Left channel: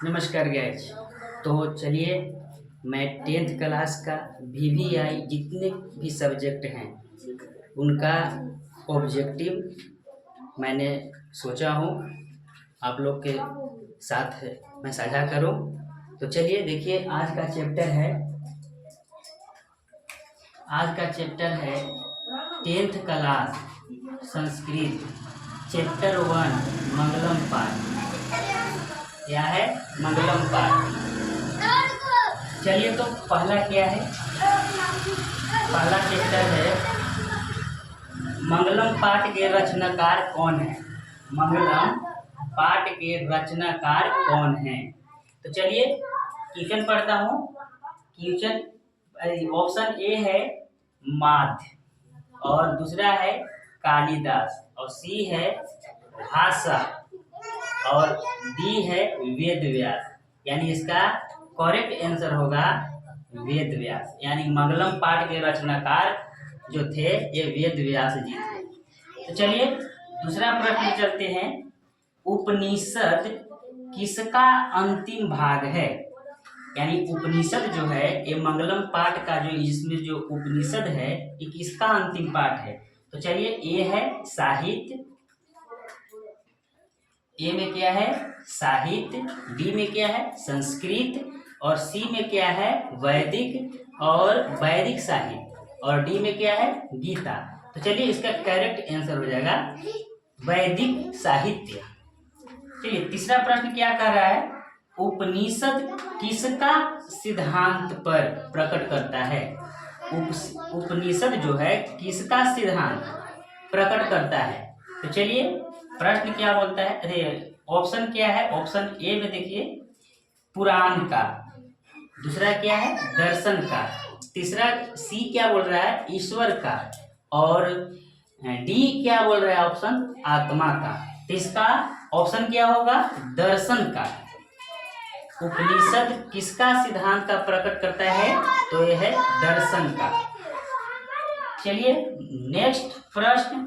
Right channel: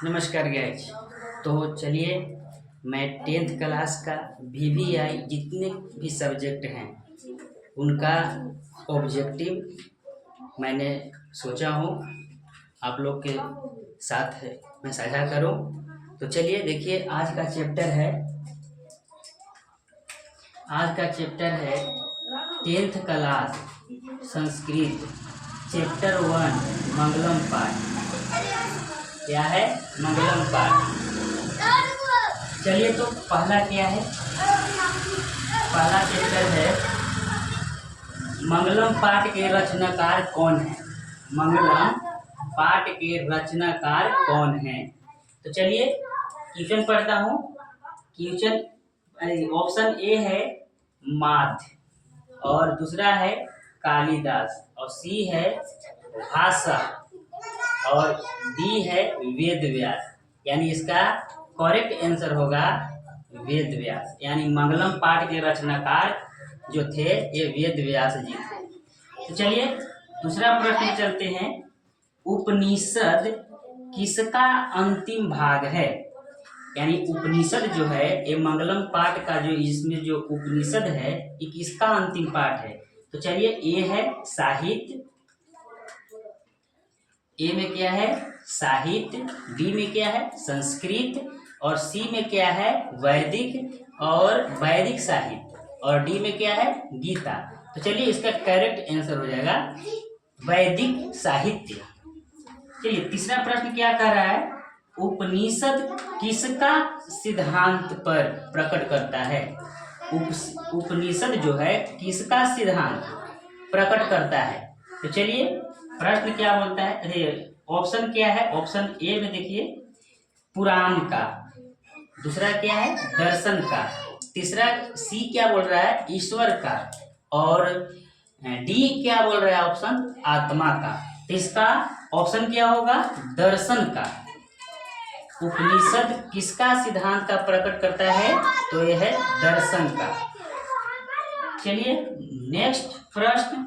नमस्कार गाइज। तो चलिए, मैं 10th क्लास का VVI जितने भी सब्जेक्ट हैं उनका ऑब्जेक्टिव मैंने सोचा हूँ आप लोग के साथ मैं साझा करूँ। तो चलिए देखिए, आज का चैप्टर है 10th क्लास संस्कृत चैप्टर 1 मंगलम पाठ। क्या है? मंगलम पाठ। चलिए, तो पहला क्या है? पहला चैप्टर है मंगलम पाठ के रचनाकार कौन है। मंगलम पाठ के रचनाकार कौन है? तो चलिए क्वेश्चन पढ़ता हूँ। क्वेश्चन ऑप्शन ए है माध्य, और दूसरा है कालिदास, और सी है भाषा, और डी है वेद व्यास। यानी इसका करेक्ट आंसर होगा वेद व्यास। यानी मंगलम पाठ के रचनाकार जो थे ये वेद व्यास जी थे। तो चलिए दूसरा प्रश्न चलते हैं। उपनिषद किसका अंतिम भाग है? यानी उपनिषद जो है ये मंगलम पाठ का जो इसमें जो उपनिषद है ये किसका अंतिम पाठ है? तो चलिए, ए है साहित्य, ए में क्या है साहित्य, डी में क्या है संस्कृत, और सी में क्या है वैदिक और वैदिक साहित्य, और डी में क्या है गीता। तो चलिए इसका करेक्ट आंसर हो जाएगा वैदिक साहित्य। चलिए तीसरा प्रश्न क्या कह रहा है? उपनिषद किसका सिद्धांत पर प्रकट करता है? उपनिषद जो है किसका सिद्धांत प्रकट करता है? तो चलिए प्रश्न क्या बोलता है, अरे ऑप्शन क्या है? ऑप्शन ए में देखिए पुराण का, दूसरा क्या है दर्शन का, तीसरा सी क्या बोल रहा है ईश्वर का, और डी क्या बोल रहा है ऑप्शन आत्मा का। तो इसका ऑप्शन क्या होगा दर्शन का। उपनिषद किसका सिद्धांत का प्रकट करता है? तो यह है दर्शन का। चलिए नेक्स्ट प्रश्न,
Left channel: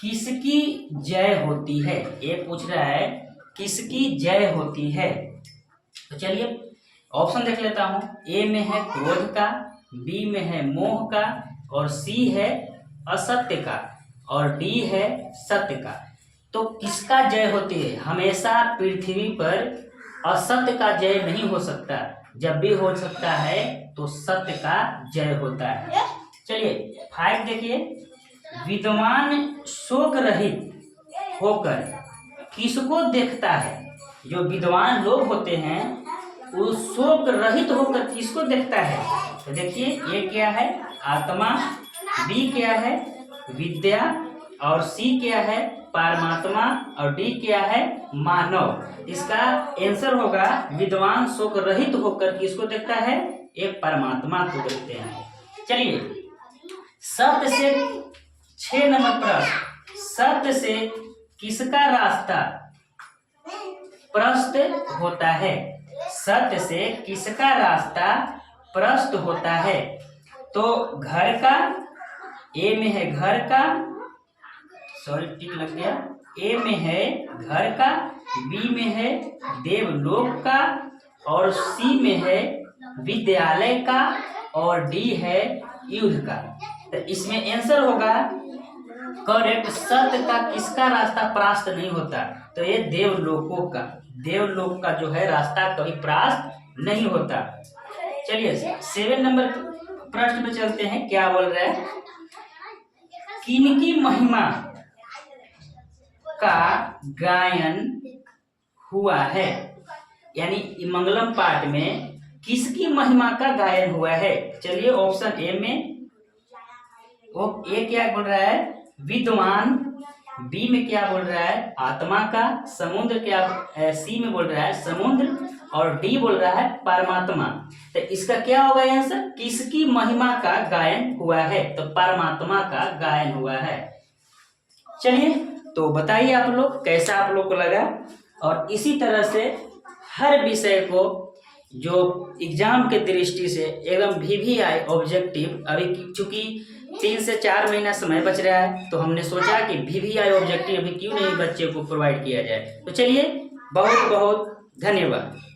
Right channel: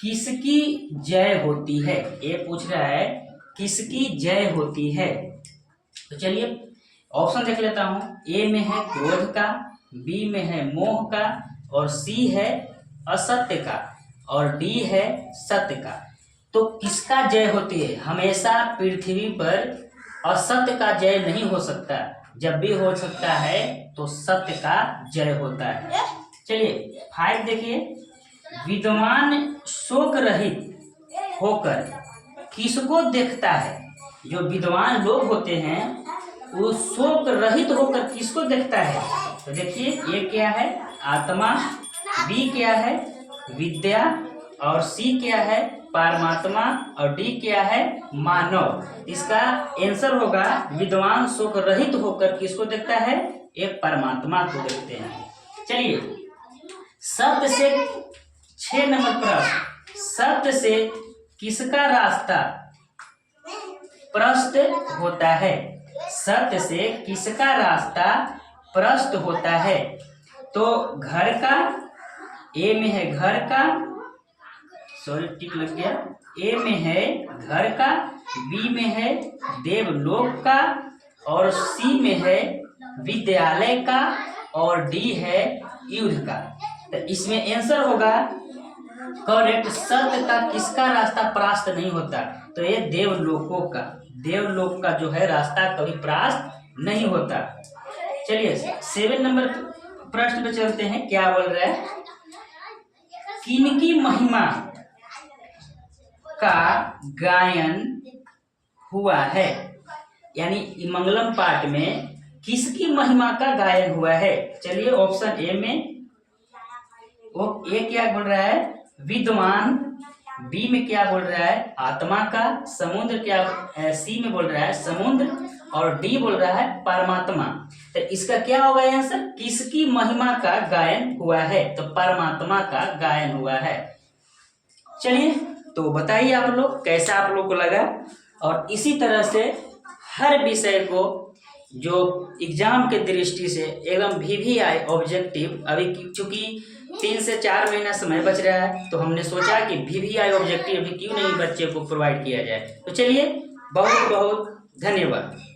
किसकी जय होती है? ये पूछ रहा है किसकी जय होती है। तो चलिए ऑप्शन देख लेता हूं। ए में है क्रोध का, बी में है मोह का, और सी है असत्य का, और डी है सत्य का। तो किसका जय होती है? हमेशा पृथ्वी पर असत्य का जय नहीं हो सकता, जब भी हो सकता है तो सत्य का जय होता है। चलिए 5 देखिए, विद्वान शोक रहित होकर किसको देखता है? जो विद्वान लोग होते हैं वो शोक रहित होकर किसको देखता है? तो देखिए ये क्या है आत्मा, बी क्या है विद्या, और सी क्या है परमात्मा, और डी क्या है मानव। इसका आंसर होगा विद्वान शोक रहित होकर किसको देखता है? एक परमात्मा को देखते हैं। चलिए सत्य से 6 नंबर प्रश्न, सत्य से किसका रास्ता प्रशस्त होता है? सत्य से किसका रास्ता प्रशस्त होता है? तो घर का, ए में है घर का, सॉरी टिक लग गया, ए में है घर का, बी में है देवलोक का, और सी में है विद्यालय का, और डी है युद्ध का। तो इसमें आंसर होगा करेक्ट सत्य का किसका रास्ता प्राप्त नहीं होता? तो ये देवलोकों का, देवलोक का जो है रास्ता कभी प्राप्त नहीं होता। चलिए 7 नंबर प्रश्न पे चलते हैं। क्या बोल रहा है? किनकी महिमा का गायन हुआ है? यानी मंगलम पाठ में किसकी महिमा का गायन हुआ है? चलिए ऑप्शन ए में वो ए क्या बोल रहा है विद्वान, बी में क्या बोल रहा है आत्मा का, समुद्र क्या सी में बोल रहा है समुद्र, और डी बोल रहा है परमात्मा। तो इसका क्या होगा आंसर? किसकी महिमा का गायन हुआ है? तो परमात्मा का गायन हुआ है। चलिए तो बताइए आप लोग कैसा आप लोग को लगा, और इसी तरह से हर विषय को जो एग्जाम के दृष्टि से एकदम VVI ऑब्जेक्टिव, अभी चूंकि 3 से 4 महीना समय बच रहा है तो हमने सोचा कि VVI ऑब्जेक्टिव अभी क्यों नहीं बच्चे को प्रोवाइड किया जाए। तो चलिए बहुत बहुत धन्यवाद।